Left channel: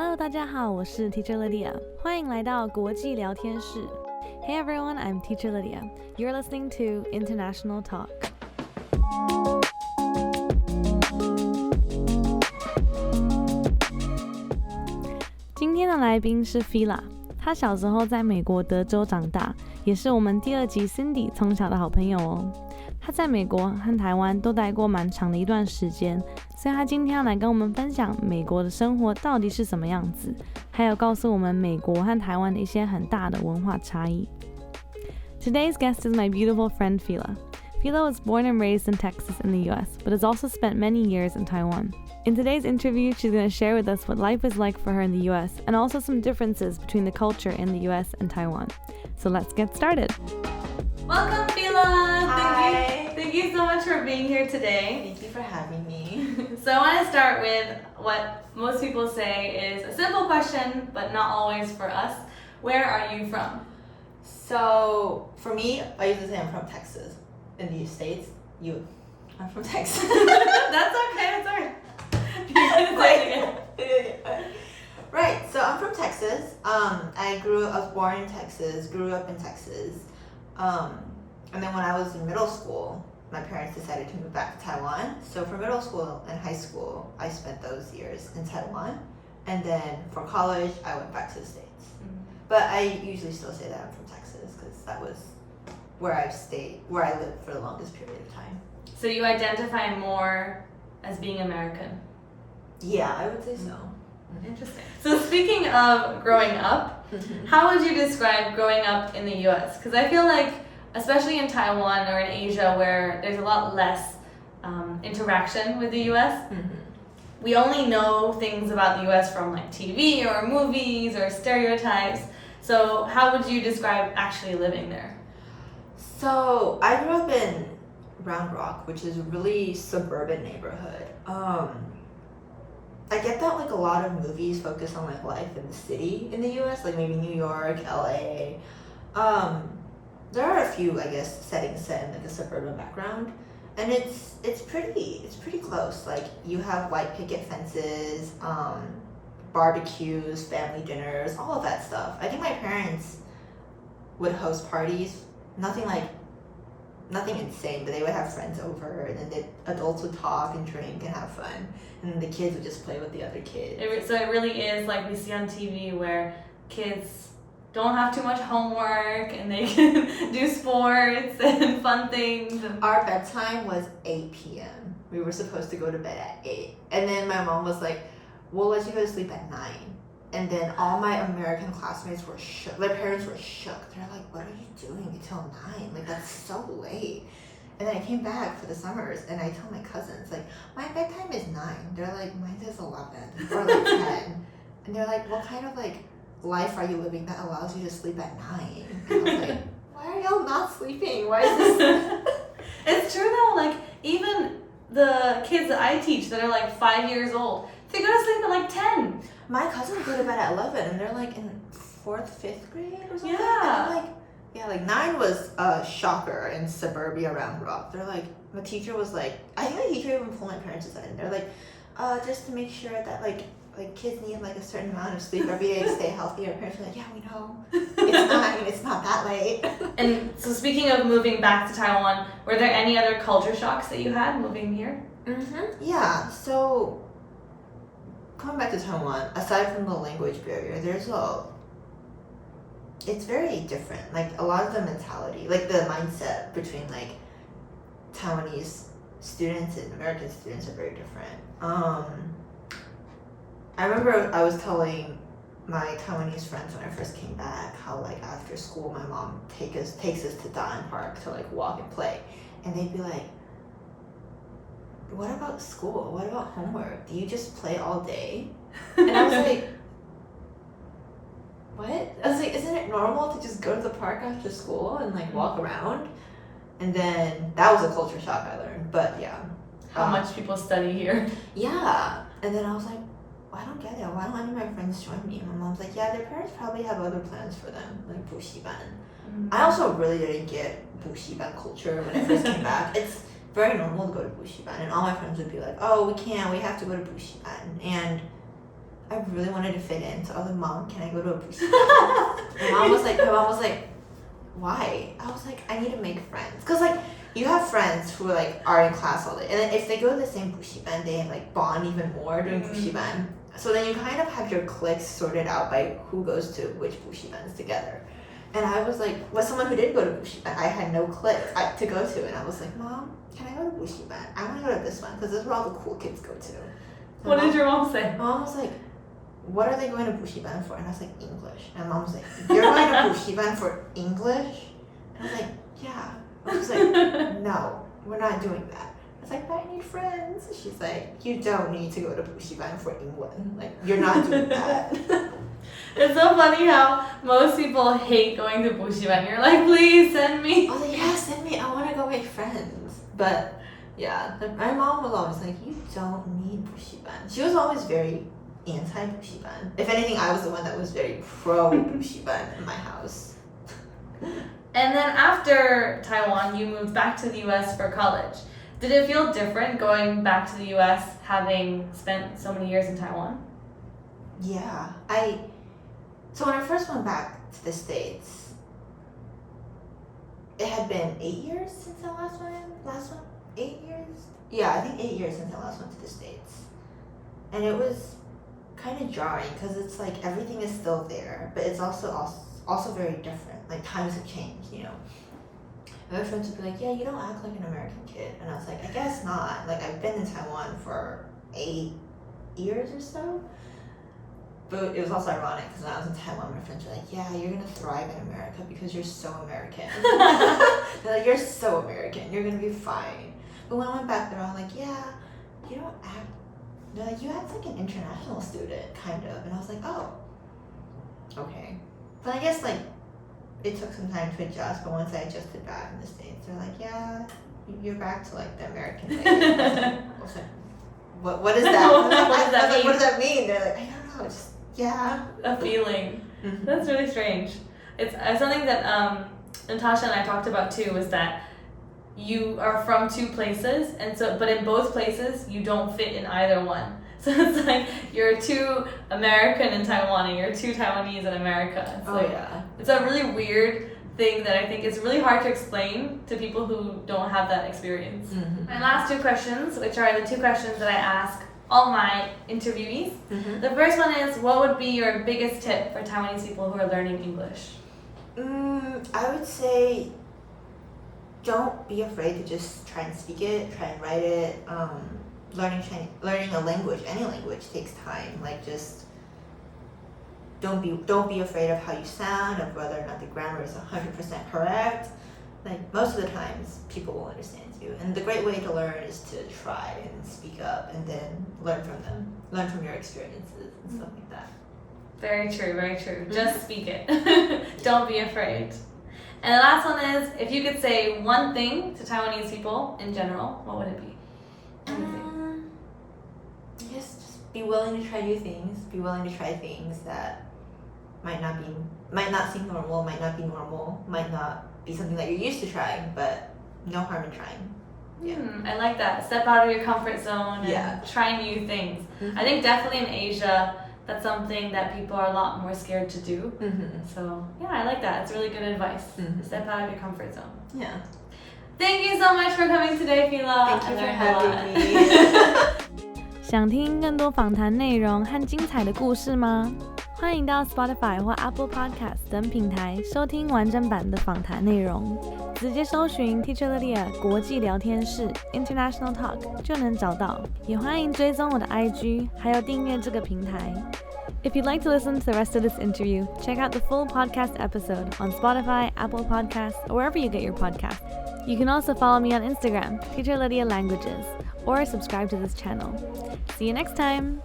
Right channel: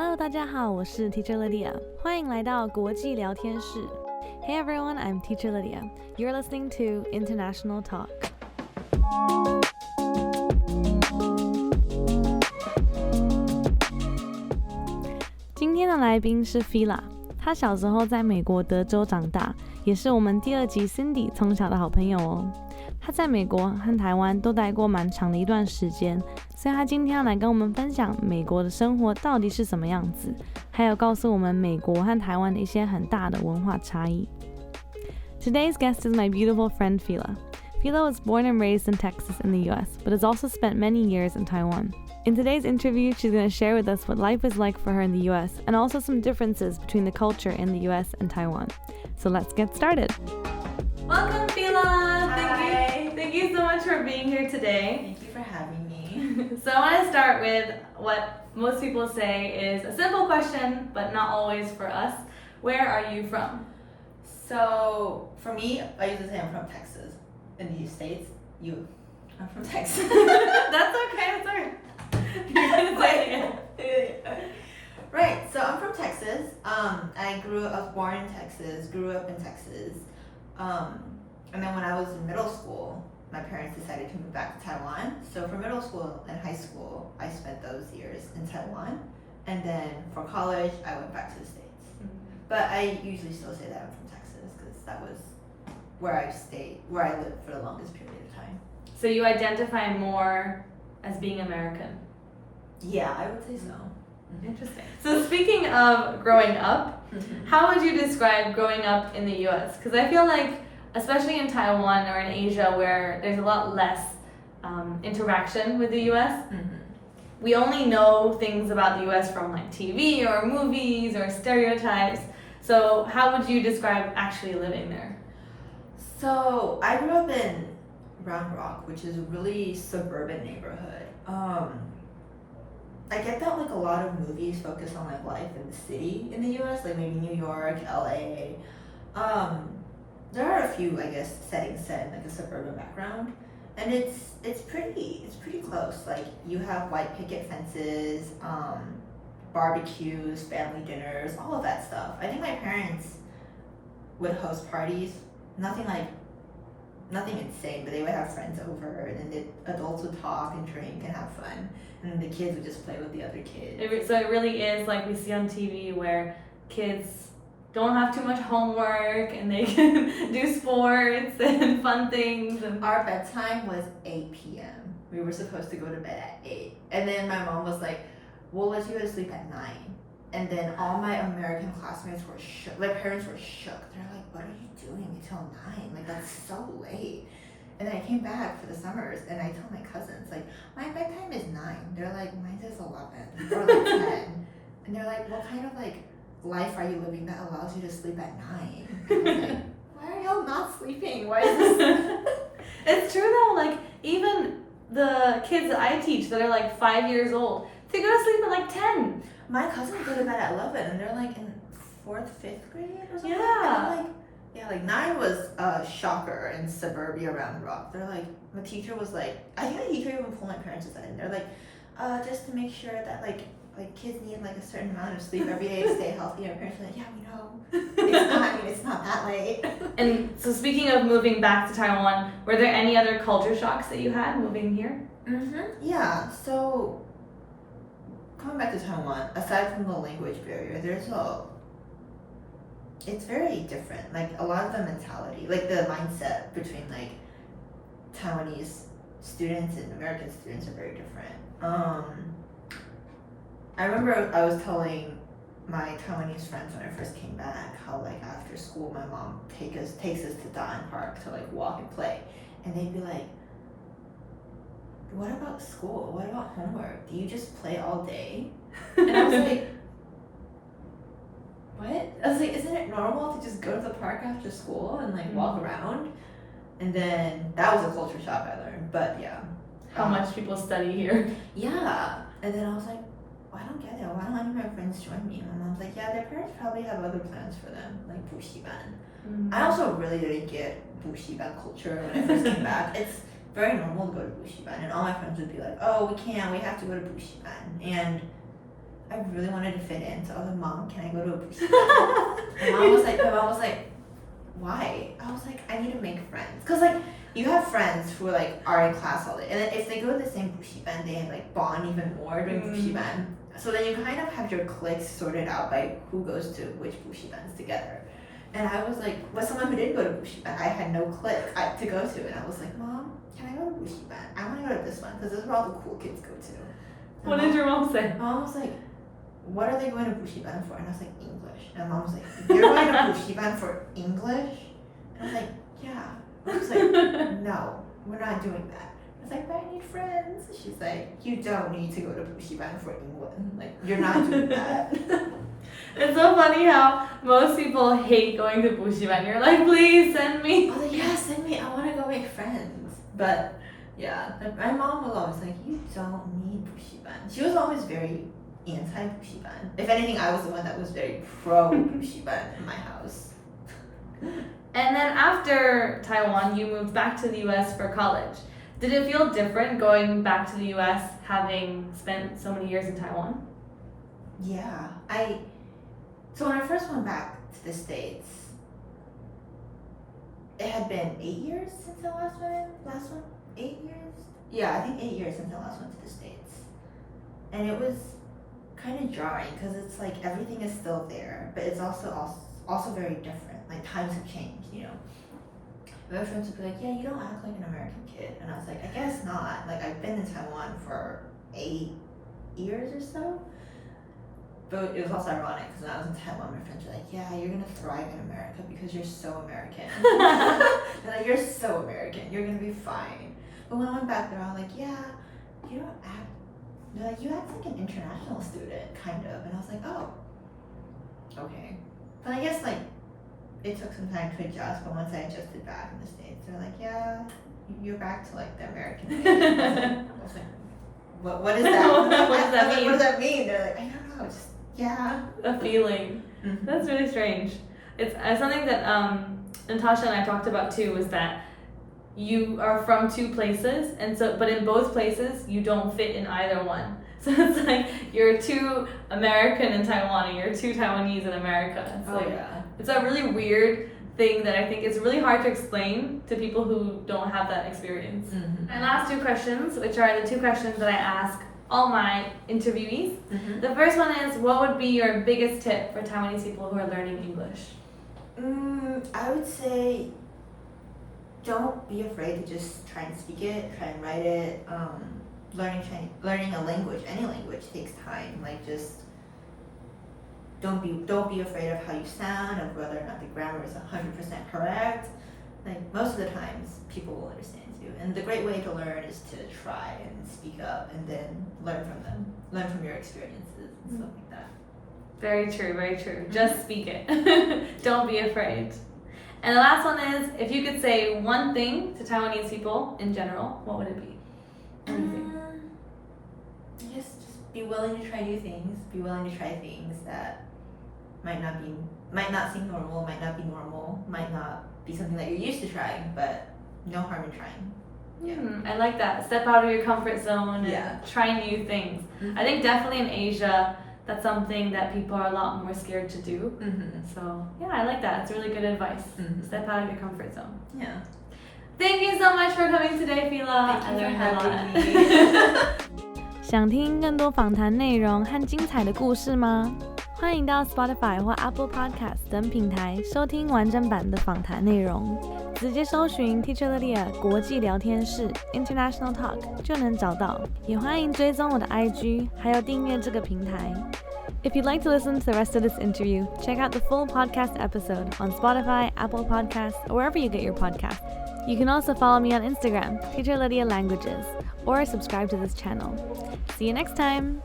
Hello， 大家好，我是 Teacher Lydia， 欢迎来到国际聊天室。Hey everyone, I'm Teacher Lydia. You're listening to International Talk. 今天的来宾是 Phila， 他小时候在美国德州长大，也是我们第二集 Cindy 从小的好朋友哦。他在美国和台湾都待过蛮长的一段时间，所以他今天要来跟我们分享美国的生活到底是什么样子，还有告诉我们美国和台湾的一些很大的文化差异。Today's guest is my beautiful friend Phila. Phila was born and raised in Texas in the US, but has also spent many years in Taiwan. In today's interview, she's going to share with us what life is like for her in the US and also some differences between the culture in the US and Taiwan. So let's get started. Welcome, Phila. Thank you so much for being here today. Thank you for having me. So I want to start with what most people say is a simple question, but not always for us. Where are you from? So for me, I usually say I'm from Texas. In the States, I'm from Texas. That's okay. You're gonna say it again. Right. So I'm from Texas. I was born in Texas, grew up in Texas. And then when I was in middle school, my parents decided to move back to Taiwan. So for middle school and high school, I spent those years in Taiwan. And then for college, I went back to the States. Mm-hmm. But I usually still say that I'm from Texas because that was where I lived for the longest period of time. So you identify more as being American? Yeah, I would say so. Mm-hmm. Interesting. So speaking of growing up, how would you describe growing up in the US? Because I feel like, especially in Taiwan or in Asia where there's a lot less interaction with the US, we only know things about the US from like TV or movies or stereotypes. So how would you describe actually living there? So I grew up in Round Rock, which is a really suburban neighborhood. I get that like a lot of movies focus on like life in the city in the US, like maybe New York, LA. There are a few, I guess, settings set in like a suburban background, and it's pretty close. Like you have white picket fences, barbecues, family dinners, all of that stuff. I think my parents would host parties, nothing insane, but they would have friends over, and then the adults would talk and drink and have fun, and then the kids would just play with the other kids. So it really is like we see on TV where kids don't have too much homework and they can do sports and fun things. And our bedtime was 8 p.m. We were supposed to go to bed at 8. And then my mom was like, we'll let you go to sleep at 9. And then all my American classmates were shook. My parents were shook. They're like, what are you doing until 9? Like, that's so late. And then I came back for the summers and I tell my cousins, like, my bedtime is 9. They're like, mine is 11 or like 10. And they're like, what kind of like life are you living that allows you to sleep at 9? I was like, why are y'all not sleeping? Why is this? It's true though, like even the kids that I teach that are like 5 years old, they go to sleep at like 10. My cousins go to bed at 11 and they're like in 4th, 5th grade or something. Yeah. Like 9 was a shocker in suburbia Round Rock. They're like, the teacher was like, I think the teacher even pulled my parents aside and they're like, just to make sure that like kids need like a certain amount of sleep every day to stay healthy. Our parents were like, yeah, we know. It's not that late. And so speaking of moving back to Taiwan, were there any other culture shocks that you had moving here? Yeah, so coming back to Taiwan, aside from the language barrier, it's very different. Like a lot of the mentality, like the mindset between like Taiwanese students and American students are very different. I remember I was telling my Taiwanese friends when I first came back how like after school my mom takes us to Dine Park to like walk and play, and they'd be like, what about school? What about homework? Do you just play all day? And I was like, what? I was like, isn't it normal to just go to the park after school and like walk around? And then that was a culture shock I learned, but yeah. How much people study here. Yeah. And then I was like, I don't get it. Why don't any of my friends join me? My mom's like, yeah, their parents probably have other plans for them, like 补习班. I also really didn't get 补习班 culture when I first came back. It's very normal to go to 补习班, and all my friends would be like, oh, we have to go to 补习班. And I really wanted to fit in. So I was like, Mom, can I go to a补习班? my mom was like, why? I was like, I need to make friends. Because like, you have friends who like are in class all day. And then if they go to the same 补习班, they like bond even more during 补习班. So then you kind of have your cliques sorted out by who goes to which 补习班 together. And I was like, was someone who didn't go to 补习班. I had no clique to go to. And I was like, Mom, can I go to 补习班? I want to go to this one because this is where all the cool kids go to. What did your mom say? My mom was like, what are they going to 补习班 for? And I was like, English. And Mom was like, you're going to 补习班 for English? And I was like, yeah. I was like, no, we're not doing that. I was like, but I need friends. She's like, you don't need to go to 补习班 for England. Like, you're not doing that. It's so funny how most people hate going to 补习班. You're like, please send me. I was like, yeah, send me. I want to go make friends. But yeah, my mom was always like, you don't need 补习班. She was always very anti 补习班. If anything, I was the one that was very pro 补习班in my house. And then after Taiwan, you moved back to the US for college. Did it feel different going back to the US having spent so many years in Taiwan? Yeah, so when I first went back to the States, it had been 8 years since I last went. 8 years? Yeah, I think 8 years since I last went to the States. And it was kind of jarring because it's like everything is still there, but it's also very different. Like times have changed, you know. My friends would be like, yeah, you don't act like an American kid. And I was like, I guess not. Like I've been in Taiwan for 8 years or so. But it was also ironic because when I was in Taiwan, my friends were like, yeah, you're going to thrive in America because you're so American. They're like, you're so American. You're going to be fine. But when I went back there, I was like, yeah, you don't act. They're like, you act like an international student, kind of. And I was like, oh, okay. But I guess like, it took some time to adjust, but once I adjusted back in the States, they're like, yeah, you're back to like the American way. I was like, what is that? What does that mean? What does that mean? They're like, I don't know, just, yeah. A feeling. Mm-hmm. That's really strange. It's something that Natasha and I talked about too, is that you are from two places, and so, but in both places, you don't fit in either one. So it's like, you're too American in Taiwan, and you're too Taiwanese in America. It's It's a really weird thing that I think it's really hard to explain to people who don't have that experience. Mm-hmm. My last two questions, which are the two questions that I ask all my interviewees. Mm-hmm. The first one is, what would be your biggest tip for Taiwanese people who are learning English? I would say, don't be afraid to just try and speak it, try and write it. Learning a language, any language, takes time. Like just don't be afraid of how you sound, of whether or not the grammar is 100% correct. Like most of the times, people will understand you. And the great way to learn is to try and speak up, and then learn from them, learn from your experiences and stuff like that. Very true, very true. Just speak it. Don't be afraid. And the last one is, if you could say one thing to Taiwanese people in general, what would it be? Just be willing to try new things. Be willing to try things that might not seem normal, might not be normal, might not be something that you're used to trying, but no harm in trying. Yeah. I like that. Step out of your comfort zone and try new things. Mm-hmm. I think definitely in Asia, that's something that people are a lot more scared to do. Mm-hmm. So yeah, I like that. It's really good advice. Mm-hmm. Step out of your comfort zone. Yeah. Thank you so much for coming today, Phila. Thank you for having me. 想听更多访谈内容和精彩的故事吗？欢迎到 Spotify 或 Apple Podcast 等平台收听完整版的访谈内容，直接搜寻 Teacher Lydia 国际聊天室 International Talk 就能找到。也欢迎追踪我的 IG， 还有订阅这个平台。If you'd like to listen to the rest of this interview, check out the full podcast episode on Spotify, Apple Podcasts, or wherever you get your podcasts. You can also follow me on Instagram, Teacher Lydia Languages, or subscribe to this channel. See you next time!